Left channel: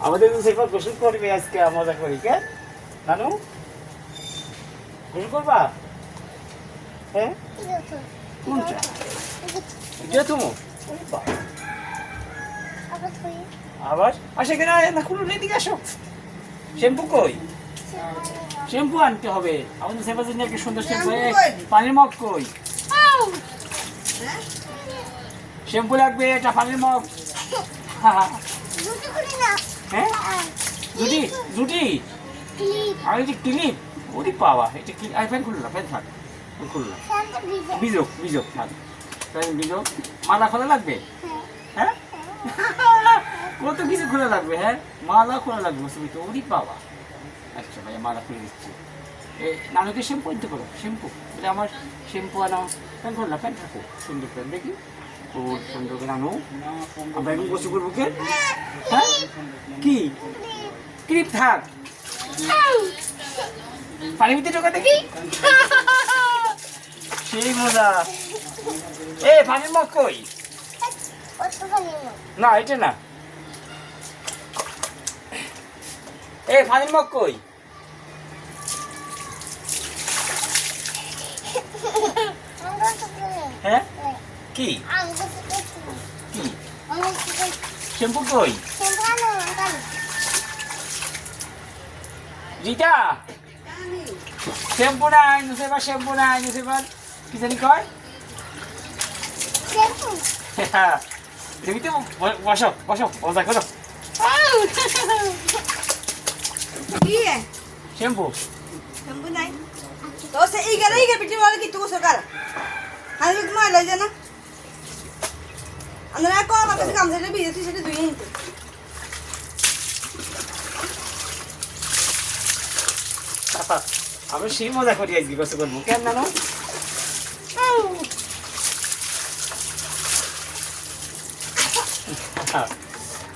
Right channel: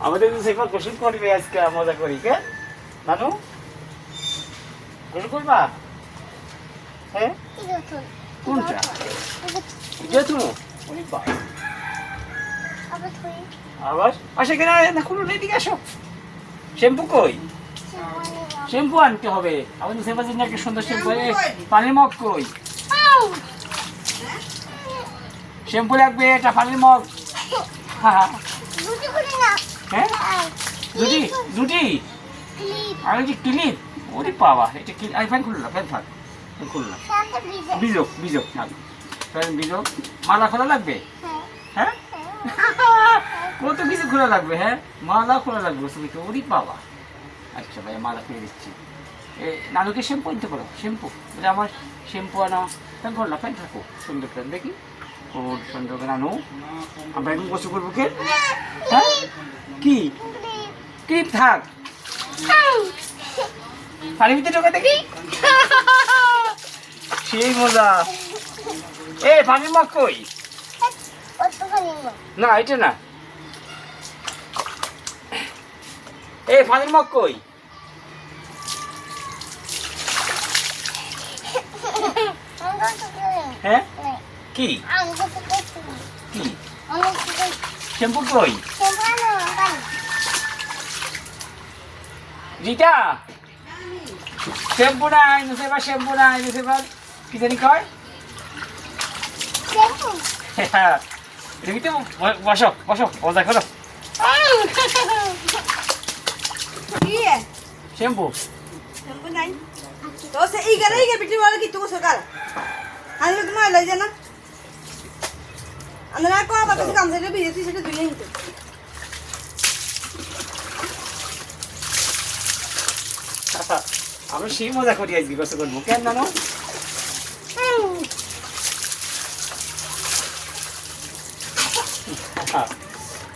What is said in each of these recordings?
আমাদের তো সেবার গোসল করবে আজকে মজা করি কে নানু গোসল করবা হ্যাঁ কোনটা এটা তুমি আবার আসে কেন না খুলুন এদিকে আসো শ্যাম্পু কই শ্যাম্পু আনতে হবে আমাদের সেবার জন্য একটা সুন্দর শ্যাম্পু পানির মগ কই শ্যাম্পু লাগবে এটা পানির মগ হ্যাঁ জুটি জুটি আমি যে ক্লিপ ওরে বাবা এটা কি ফ্যান খুললো না ফ্যান থাক খুললো না বিজোক বিজোক থাক ফ্যান বিজোক মালা খোলা লাগবে হ্যাঁ কত কিছু খোলা লাগবে হ্যাঁ মালা খোলা লাগবে তুমি তো ওরে বাবা আচ্ছা ভাই মালা খুলে দিচ্ছি নানুকে শ্যাম্পু আনতে পারো শ্যাম্পু এটা আমার শ্যাম্পু আনো ফ্যান খোল না ফ্যান থাকো সুন্দর ফ্যান দেখি ও সুন্দর নানু আমরা এখন গোসল করবো কে হ্যাঁ কি ক্লিপ থাক পানির ভিতরে ঢোকা দেখি সেই মজা পানির মগ কই না এটা না পানির মগ কই হ্যাঁ কি কি শ্যাম্পু কই রিতা শ্যাম্পু নাই নুসেবার শ্যাম্পু নাই নুসেবার কি জানি কয় রিমিতে বসো বসো ও দেখো শ্যাম্পু শ্যাম্পু নাই তো সে এই গে বিটি वाला কি তো সরকার আমি তোমার লই জানা আমরা কোন কথা কাম সেটা বিয়েছি সেটা দুই হিত আমি সেই মজা করি আজকে গোসল করবো কেন জানো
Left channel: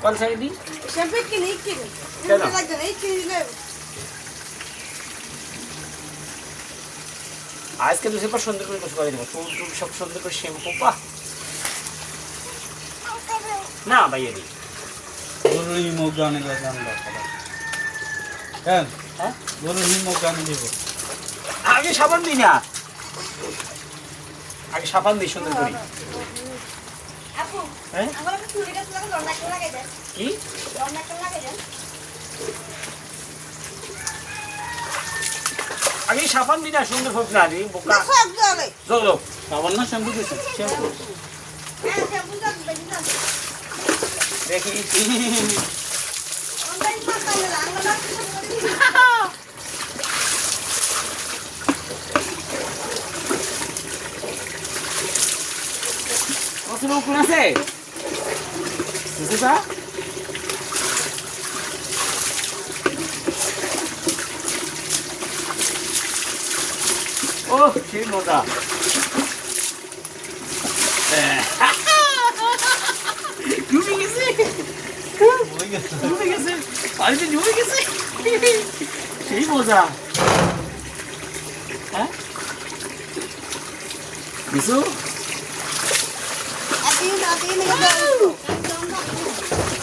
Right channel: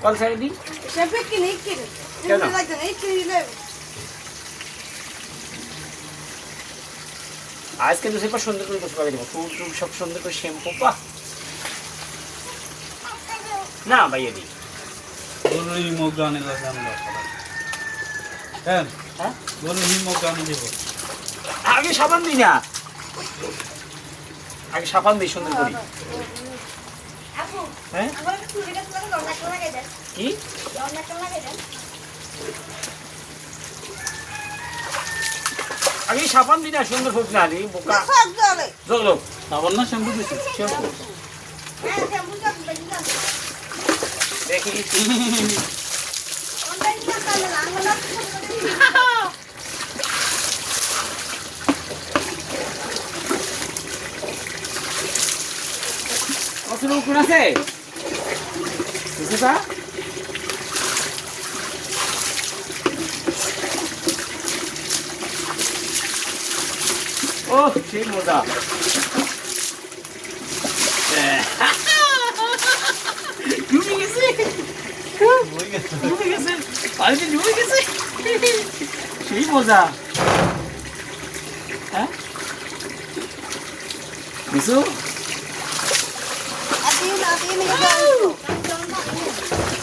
কল সাইড দিন শ্যাম্পু কি নেই কি কেন লাগে না কি দিলে আজকে তো সেবার সুন্দর করে গোসল করে দেবো ফুল টুল সব সুন্দর করে শ্যাম্পু বাহ না ভাইয়া দিই বলো হিমোগ গানে গান হ্যাঁ হ্যাঁ বলো হিমোগ গানে দেবো আগে সাবান দিই না আগে সাবান দিই সুন্দর করি হ্যাঁ আমার চুড়িটা তোমার লম্বা করে লাগে দেয় কি লম্বা করে লাগে দেয় আগে সাবান দিই না সুন্দর হোক না রে বোকা সব যাবে চলো সাবান না শ্যাম্পু দিচ্ছি শ্যাম্পু হ্যাঁ শ্যাম্পু সব দেখি না দেখি ওই সকালে লাঙ্গলা কত কোন আছে বুঝিবা ও কি মজা ডুবে গেছে ডুবে গেছে পানিতে ডুবে গেছে সেই মজা হ্যাঁ বিশু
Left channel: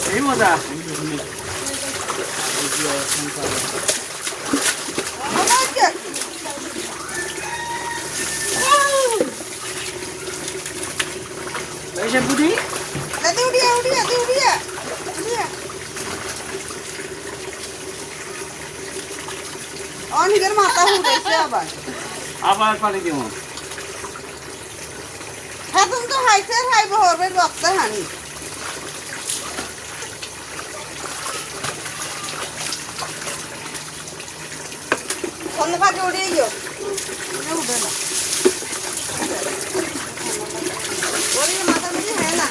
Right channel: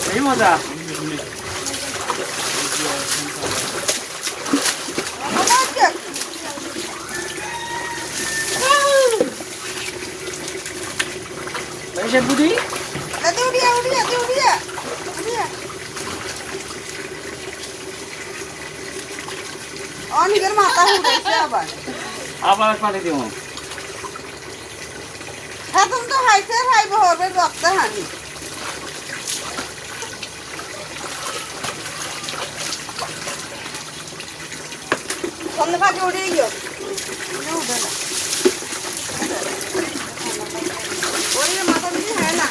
সেই মজা পয়সা বুদ্ধি আবার পানি দিব এখন তো হাইতে খাইব হবে রক্ত হানি কোন কাজে উড়ে গিয়ে ওরে মাথা দিয়ে হয় না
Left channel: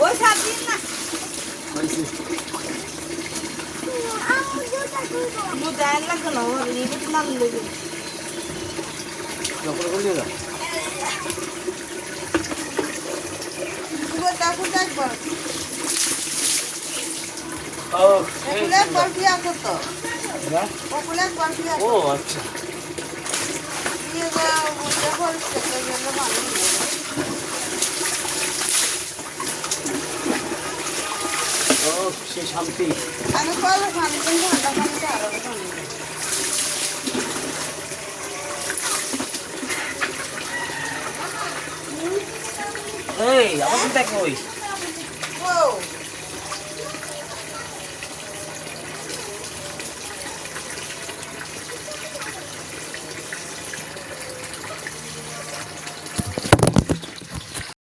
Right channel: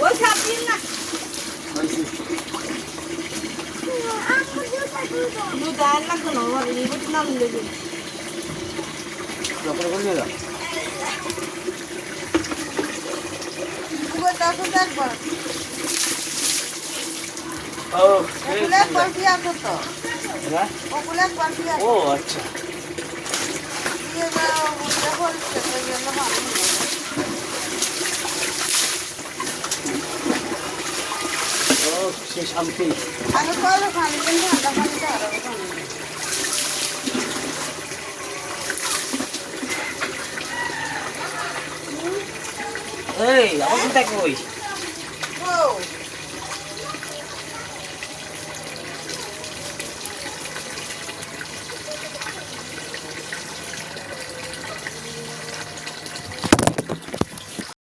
ওই সাত দিন না নো দাঁড় না কোনো ওরে এই বটি নাম লেগে যখন কোন দিলা পুরো টাকু টাক ও এই পপুলার পার্টি আছে তো না পপুলার পার্টি ও আচ্ছা আছে সে শান্তি। আমি চলো খালি দিন ঘন্টা ঘন্টা এই আবার চিন্তা কই